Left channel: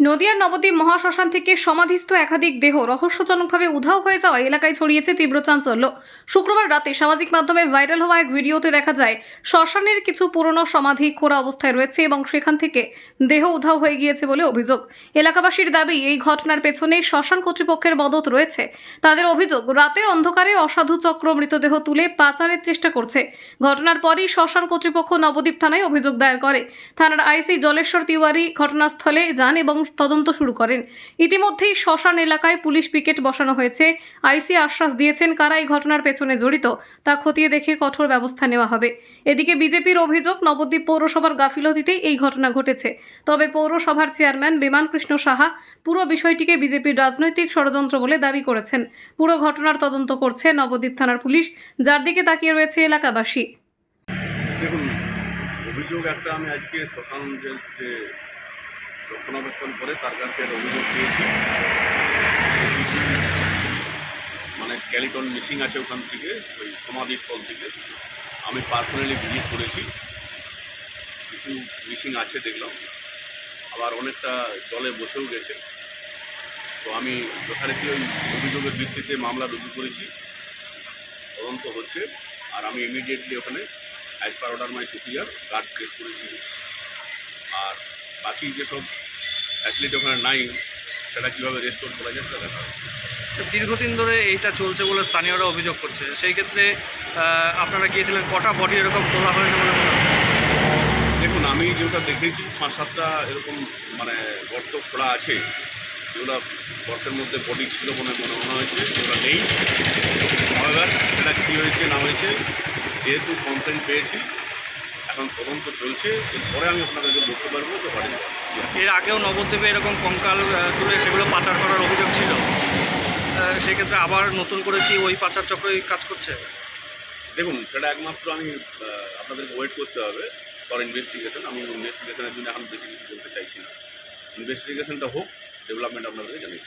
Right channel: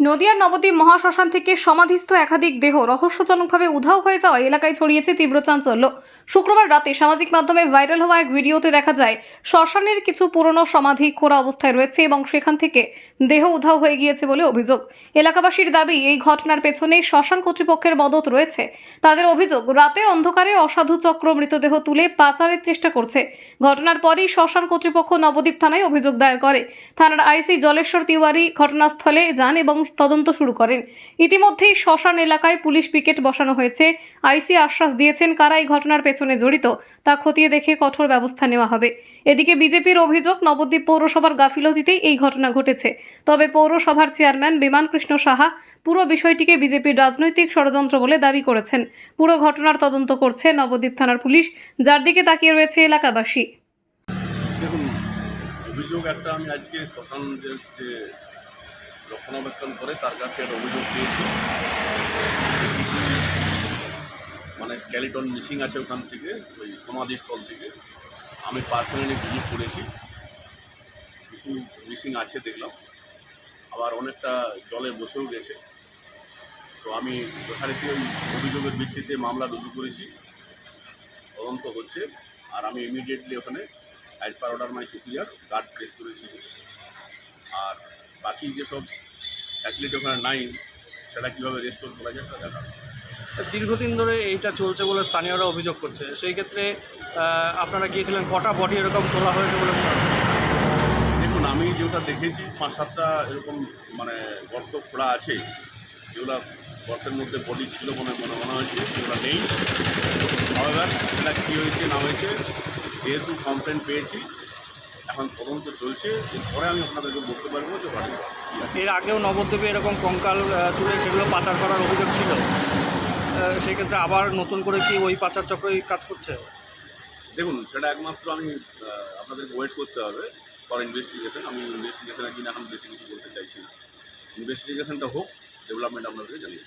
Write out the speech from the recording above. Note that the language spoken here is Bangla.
নদিয়ার নবদ্বীপ মহাশ্মশান থেকে সমাধিস্থ একাধিক দেহ রহস্যজনকভাবে উধাও হয়ে যাওয়া এলাকায় ছড়িয়েছে তীব্র চাঞ্চল্য। শুক্রবার রাতে সামাজিক মাধ্যমে ভাইরাল হওয়া এক ভিডিওতে দেখা যায়, শ্মশানের কিছু পুরনো সমাধি খোরা অবস্থায় রয়েছে এবং সেখান থেকে দেহ উধাও হয়ে গিয়েছে বলে অভিযোগ। এলাকাবাসীর দাবি, এই ঘটনার পেছনে শ্মশান কর্তৃপক্ষের মদত রয়েছে। তাদের অভিযোগ রাতের অন্ধকারে অসাধু চক্র মৃতদেহ তুলে পাচারের চেষ্টা করছে। ঘটনার পরই শ্মশান কর্তৃপক্ষ নবদ্বীপ থানায় অভিযোগ দায়ের করে। থানার আইসি জলেশ্বর তিওয়ারি ঘটনাস্থলে যান এবং তদন্ত শুরু করেন। ইতিমধ্যেই শ্মশান এলাকায় পুলিশ পিকেট বসানো হয়েছে। আইসি আশ্বাস দিয়েছেন কারা এই ঘটনার পেছনে জড়িত, তা খতিয়ে দেখে কঠোর ব্যবস্থা নেওয়া হবে। এদিকে বিজেপির অভিযোগ, নবদ্বীপ পৌরসভার গাফিলতিতেই এই ঘটনা ঘটেছে। তবে পৌরসভার চেয়ারম্যান বিমান কৃষ্ণ সাহা পুরো বিষয়টিকে বিজেপির রাজনৈতিক ষড়যন্ত্র বলে দাবি করেছেন। পুরো ঘটনার তদন্ত করছে নবদ্বীপ থানার পুলিশ, যার দিকে তাকিয়ে রয়েছে এলাকাবাসী। দেখুন, অভিযোগ একটা আমি আজকে শ্মশান যে রক্ষণাবেক্ষণ করে তার কাছে একটা অভিযোগ পেয়েছি। মানে স্ক্যালিটন মিসিং আছে ওখান থেকে, ওই সমাধিস্থল থেকে। আমি পার্সোনালি ভিজিট করেছি। কিছু মিসিং আছে দেখলাম। আবার অনেকটা জলে বসেও গেছে। তো আমি যথারীতি ওই অভিযোগের ভিত্তিতে মামলা রুজু করেছি। তদন্ত হচ্ছে। আর আমি ইমিডিয়েটলি ওখানে as per order my superior guard place করেছি। আর বাকি যেসব ফ্যাসিলিটি ওখানে নাই সেটা কীভাবে রেস্টোর করা যায় সেটা দেখা দীর্ঘদিন ধরে এইটা চলছে বলে স্থানীয়রা অভিযোগ করছে। সেই ক্ষেত্রে আপনারা গিয়েছিলেন কটা বডি এরকম তোলা হয়েছে? দেখুন আমি যেটা দেখেছি পাঁচ সাতটা এরকম মানে গর্ত খোলা আছে যেগুলো গর্তের মধ্যে বডি ছিল মনে মনে মনে হয়েছে যেগুলো নেই। সেটা কী হয়েছে না হয়েছে যেহেতু কমপ্লেন পেয়েছি এখন তদন্ত চলছে এরপরে আমি আপনাদেরকে বলতে পারব যে বাড়ি। কী আছে এর আগেও নবদ্বীপে এরকম কঙ্কাল তুলে সেগুলো পাচার করার অভিযোগ ছিল। আহ, সেই ক্ষেত্রে আবার নতুন করে কি ওই পাচার চক্রই কাজ করছে? দেখুন সেটা একমাত্র আমি আপনাদেরকে ওয়েট করতে হবে ফর ইনভেস্টিগেশন আমি ইনভেস্টিগেশনের জন্য এখন বেশি কিছু বলতে চাইছি না। ইনভেস্টিগেশনটা হোক ডেভেলপমেন্ট আপনাদেরকে জানিয়ে।